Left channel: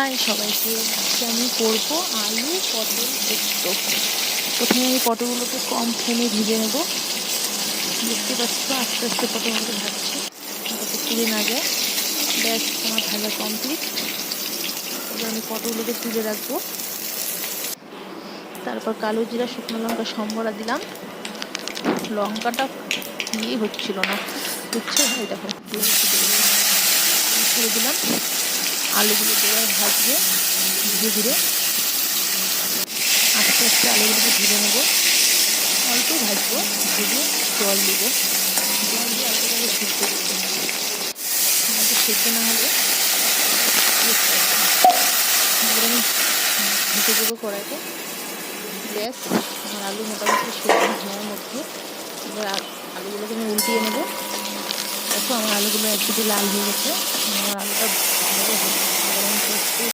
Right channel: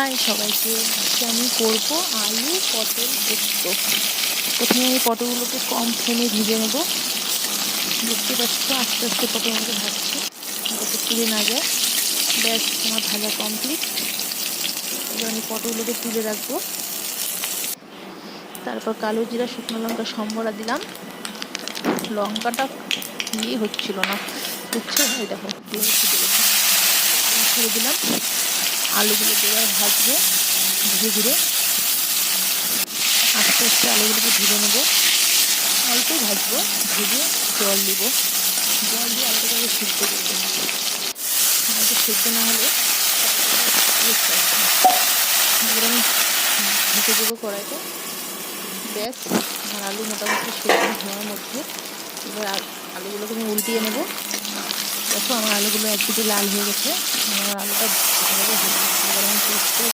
High সবাইকে, আজকে আমি করব আলু পটল পোস্ত। প্রথমে আমি পটলগুলোকে কম ফ্লেমে ভেজে নেব। দেখতে পাচ্ছ আস্তে আস্তে পটলগুলোকে ভাজছি যাতে পুড়ে না যায়। ব্যাস, আমার ভাজা কমপ্লিট। এবার আমি পটলগুলোকে তুলে রাখবো। তারপর কালো জিরা, শুকনো লঙ্কা সম্বরা দিলাম। লঙ্কাটা হচ্ছিল না, বুঝছো? এই দেখো ছেড়ে দিলাম। আলুগুলো দেওয়ার ভাজবো ধীরে ধীরে, আস্তে আস্তে আলুগুলোকে ভেজে নেবো। অল্পই ভাজবো, ভেজে জল দিব। জল দিয়ে আলুটাকে সিদ্ধ করবো। আলুটা সিদ্ধ না হলে এবার আমি ঢেকে দেবো কড়াইতে। ব্যাস, আমার আলু মোটামুটি সিদ্ধ হওয়ার মধ্যে। এবার আলুগুলোকে আমি উল্টিয়ে নেব। দেখো আমার আলুগুলো একদিকে লাল হয়ে গেছে, আমার আলুটা ভালো হয়ে গেছে। এবার আমি পোস্ত